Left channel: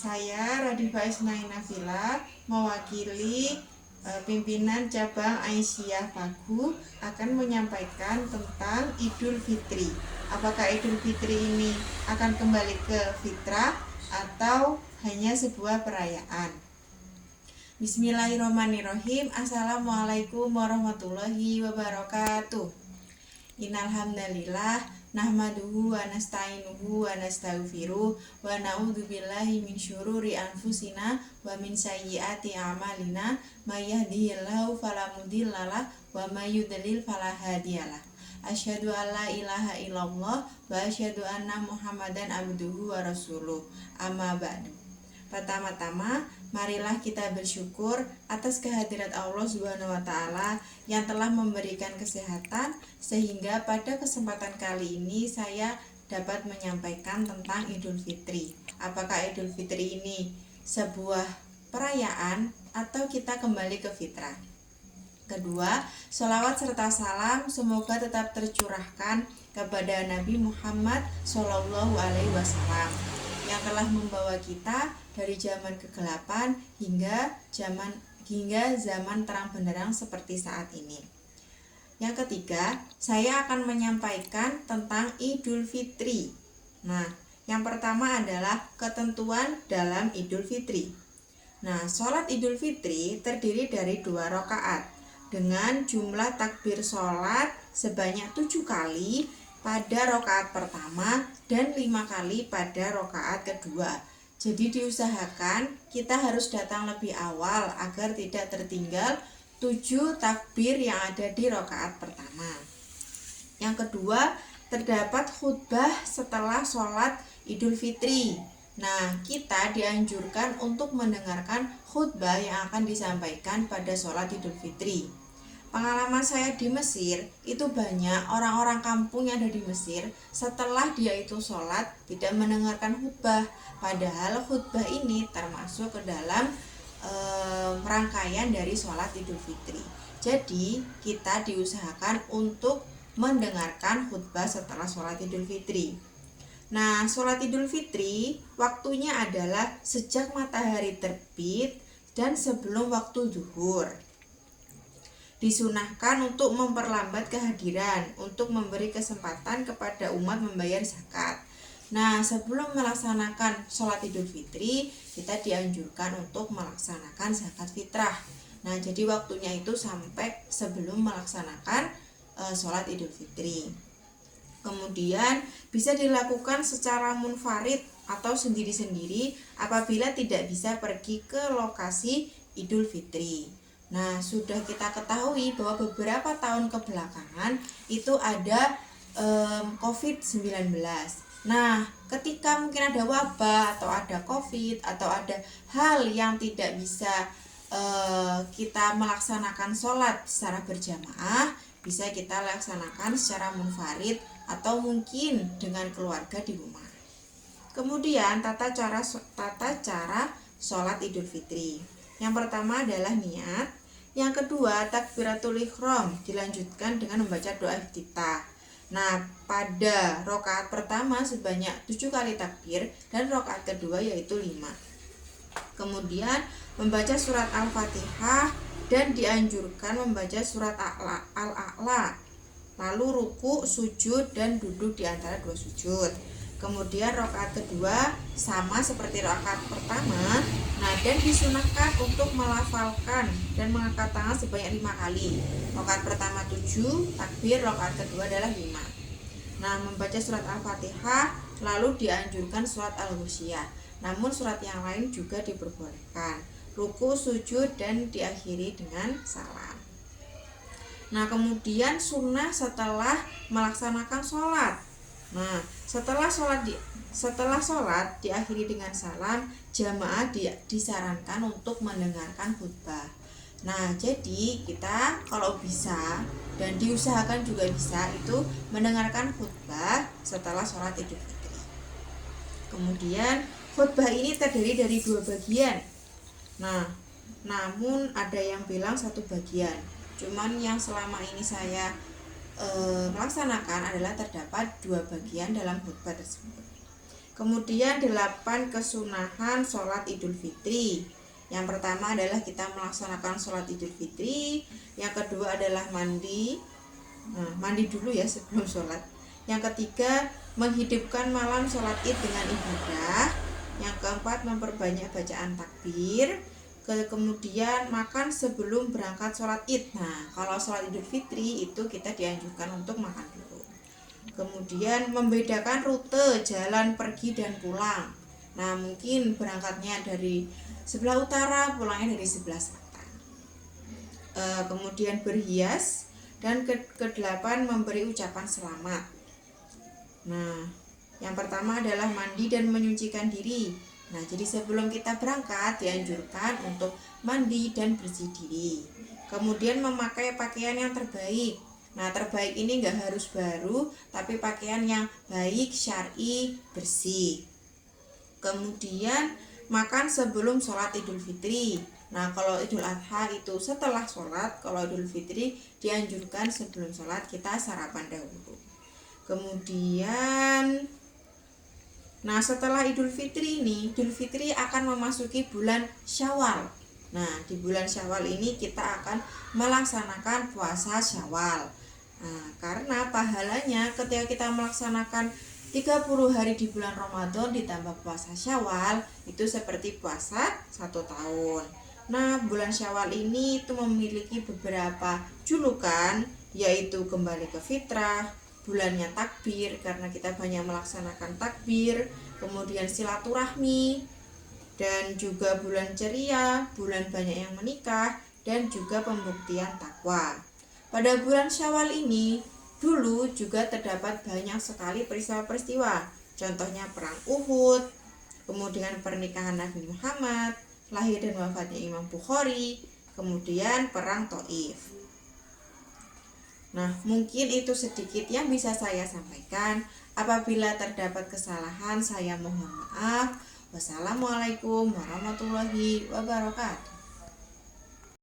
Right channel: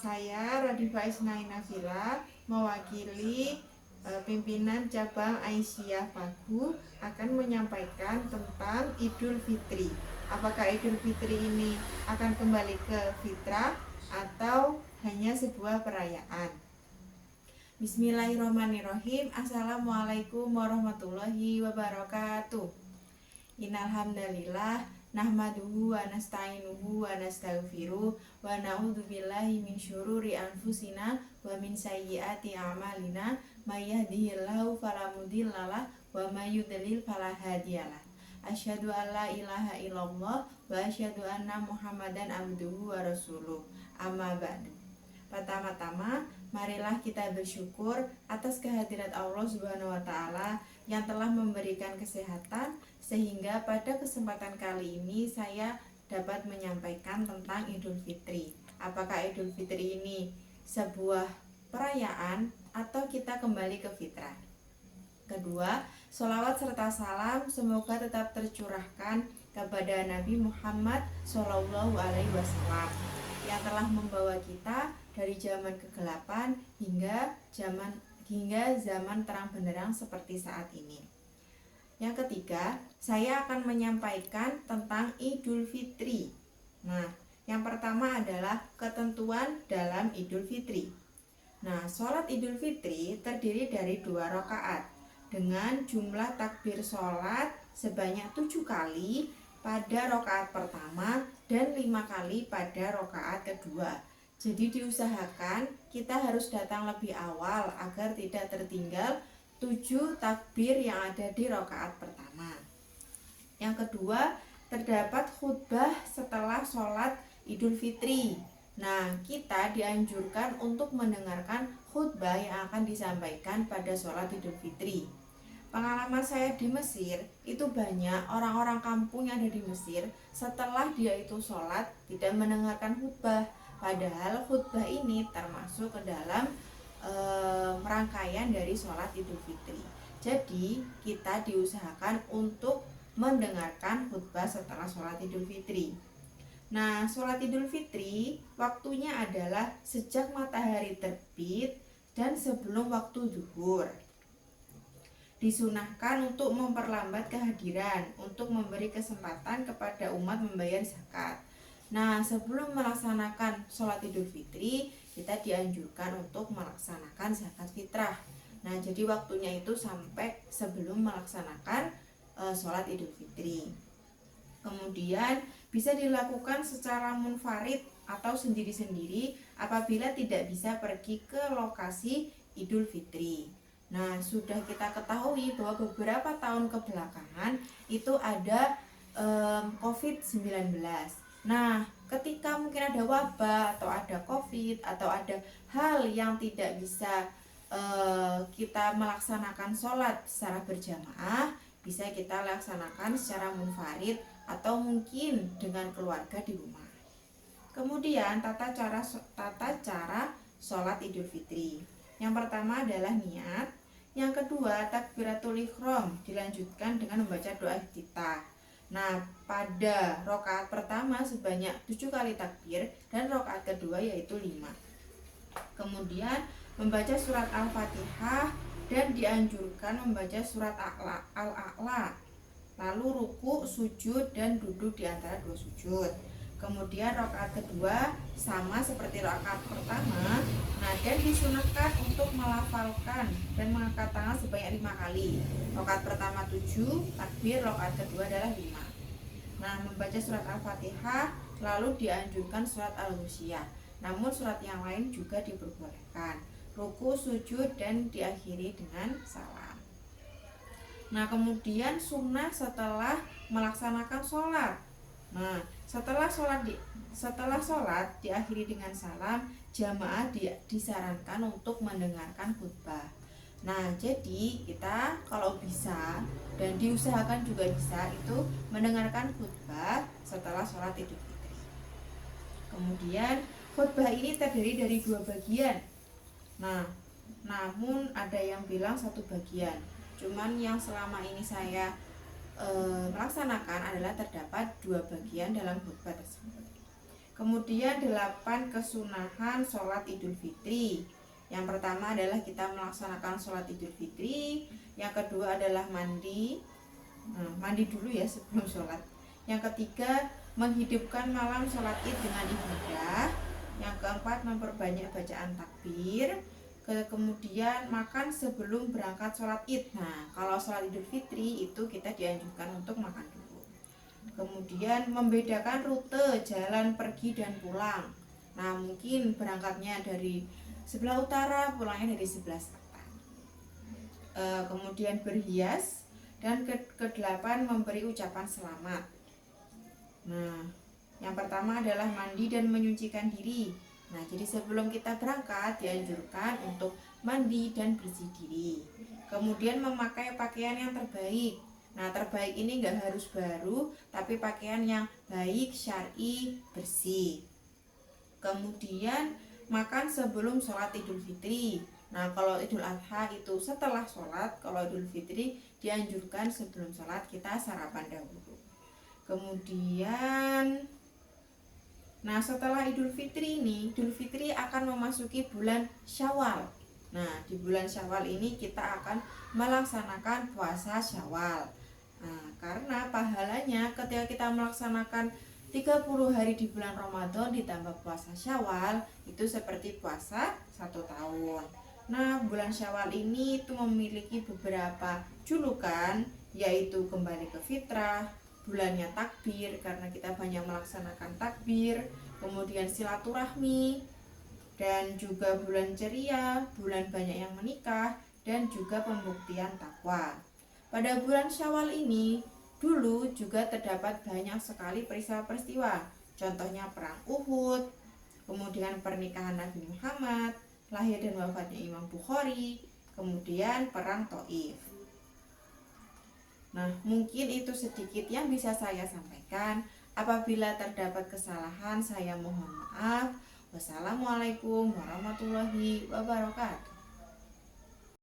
Saya Radifa Isnai Nafila mewakili pimpinan cabang Aisyah Pagu akan menyampaikan tentang Idul Fitri. Apakah Idul Fitri ini akan kembali ke fitrah atau hanya sebuah perayaan? Bismillahirrahmanirrahim. Assalamualaikum warahmatullahi wabarakatuh. Innalhamdalillah nahmaduhu wa nasta'inuhu wa nastaghfiruh wa na'udzubillahi min syururi anfusina wa min sayyiati a'malina may yahdihillahu fala mudhillalah wa may yudlil fala hadiyalah. Asyhadu an la ilaha illallah wa asyhadu anna Muhammadan abduhu wa rasuluh. Amma ba'du. Pertama-tama, marilah kita bersyukur atas kehadirat Allah Subhanahu wa taala yang telah memberikan kesehatan sehingga pada kesempatan kali ini saya dapat menyampaikan tentang Idul Fitri. Apakah Idul Fitri ini sebuah perayaan atau kita kembali ke fitrah? Kedua, sholawat serta salam semoga tetap tercurahkan kepada Nabi Muhammad SAW yang telah membawa kita dari zaman kegelapan hingga zaman terang benderang seperti saat ini. Yang ketiga, saya akan menyampaikan tentang Idul Fitri. Nah, yang pertama adalah ketentuan dalam Idul Fitri. Nah, sholat Idul Fitri terdiri dari 2 rakaat dengan jumlah takbir sholat sebanyak 7 kali pada rakaat pertama dan 5 kali pada rakaat kedua. Jadi diusahakan kita harus datang lebih awal agar tidak tertinggal 7 takbir yang ada di rakaat pertama. Yang kedua, terdapat khutbah setelah sholat Idul Fitri. Nah, kita dianjurkan untuk mendengarkan khutbah yang akan disampaikan pada sholat Idul Fitri. Pengalaman saya di Mesir, itu banyak orang-orang kampung yang ada di Mesir setelah dia itu sholat tidak mendengarkan khutbah. Padahal khutbah ini termasuk ke dalam rangkaian dari sholat Idul Fitri. Jadi kita diusahakan untuk mendengarkan khutbah setelah sholat Idul Fitri. Nah, sholat Idul Fitri waktunya adalah sejak matahari terbit dan sebelum waktu zuhur. Disunahkan untuk memperlambat kehadiran untuk memberi kesempatan kepada umat membayar zakat. Nah, sebelum melaksanakan sholat Idul Fitri, kita dianjurkan untuk melaksanakan zakat fitrah. Nah, jadi waktunya itu sampai sebelum melaksanakan sholat Idul Fitri. Kemudian bisa dilakukan secara munfarid atau sendiri-sendiri apabila tidak bisa pergi ke lokasi Idul Fitri. Nah, sudah kita ketahui bahwa beberapa tahun kebelakangan itu ada COVID-19. Nah, ketika mungkin ada wabah atau ada COVID atau ada hal yang tidak bisa kita melaksanakan sholat secara berjamaah, bisa kita laksanakan secara munfarid atau mungkin dengan keluarga di rumah. Kemudian tata cara sholat Idul Fitri. Yang pertama adalah niat. Yang kedua, takbiratul ihram dilanjutkan dengan membaca doa iftitah. Nah, pada rakaat pertama sebanyak 7 kali takbir dan rakaat kedua yaitu 5. Kemudian membaca surat Al-Fatihah dan dianjurkan membaca surat Al-A'la. Lalu ruku, sujud dan duduk di antara 2 sujud. Kemudian rakaat kedua sama seperti rakaat pertama. Nah, dan disunahkan untuk melafalkan dan mengangkat tangan sebanyak 5 kali. Rakaat pertama 7 takbir, rakaat kedua adalah 5. Nah, membaca surat Al-Fatihah lalu dianjurkan surat Al-Ghasyiyah. Namun surat yang lain juga diperbolehkan. Ruku, sujud dan diakhiri dengan salam. Nah, kemudian sunnah setelah melaksanakan sholat. Nah, setelah sholat diakhiri dengan salam, jamaah disarankan untuk mendengarkan khutbah. Nah, jadi kita kalau bisa dan diusahakan juga bisa itu mendengarkan khutbah setelah sholat Idul Fitri. Kemudian khutbah ini terdiri dari 2 bagian. Nah, namun ada yang bilang 1 bagian. Cuman yang selama ini saya melaksanakan adalah terdapat 2 bagian dalam khutbah tersebut. Kemudian 8 kesunahan sholat Idul Fitri. Yang pertama adalah kita melaksanakan sholat Idul Fitri. Yang kedua adalah mandi. Mandi dulu ya sebelum sholat. Yang ketiga, menghidupkan malam sholat id dengan ibadah. Yang keempat, memperbanyak bacaan takbir. Kemudian makan sebelum berangkat sholat id. Nah, kalau sholat Idul Fitri itu kita dianjurkan untuk makan dulu. Kemudian membedakan rute jalan pergi dan pulang. Nah, mungkin berangkatnya dari sebelah utara, pulangnya dari sebelah selatan. Kemudian berhias, dan ke-8 memberi ucapan selamat. Nah, yang pertama adalah mandi dan menyucikan diri. Nah, jadi sebelum kita berangkat dianjurkan untuk mandi dan bersih diri. Kemudian memakai pakaian yang terbaik. Nah, terbaik ini nggak harus baru, tapi pakaian yang baik, syar'i, bersih. Kemudian makan sebelum sholat Idul Fitri. Nah, kalau Idul Adha itu setelah sholat, kalau Idul Fitri dianjurkan sebelum sholat kita sarapan dahulu. Kemudian, nah setelah Idul Fitri ini, Idul Fitri akan memasuki bulan Syawal. Nah, di bulan Syawal ini kita akan melaksanakan puasa Syawal. Nah, karena pahalanya ketika kita melaksanakan 30 hari di bulan Ramadan ditambah puasa Syawal itu seperti puasa 1 tahun. Nah, bulan Syawal ini itu memiliki beberapa julukan, yaitu kembali ke fitrah, bulannya takbir karena kita banyak melaksanakan takbir, kemudian silaturahmi, dan juga bulan ceria, bulan banyak yang menikah, dan juga pembuktian takwa. Pada bulan Syawal ini dulu juga terdapat banyak sekali peristiwa-peristiwa. Contohnya perang Uhud, kemudian pernikahan Nabi Muhammad, lahir dan wafatnya Imam Bukhari, kemudian perang Taif. Nah, mungkin itu sedikit yang bisa saya sampaikan. Apabila terdapat kesalahan, saya mohon maaf. Wassalamualaikum warahmatullahi wabarakatuh.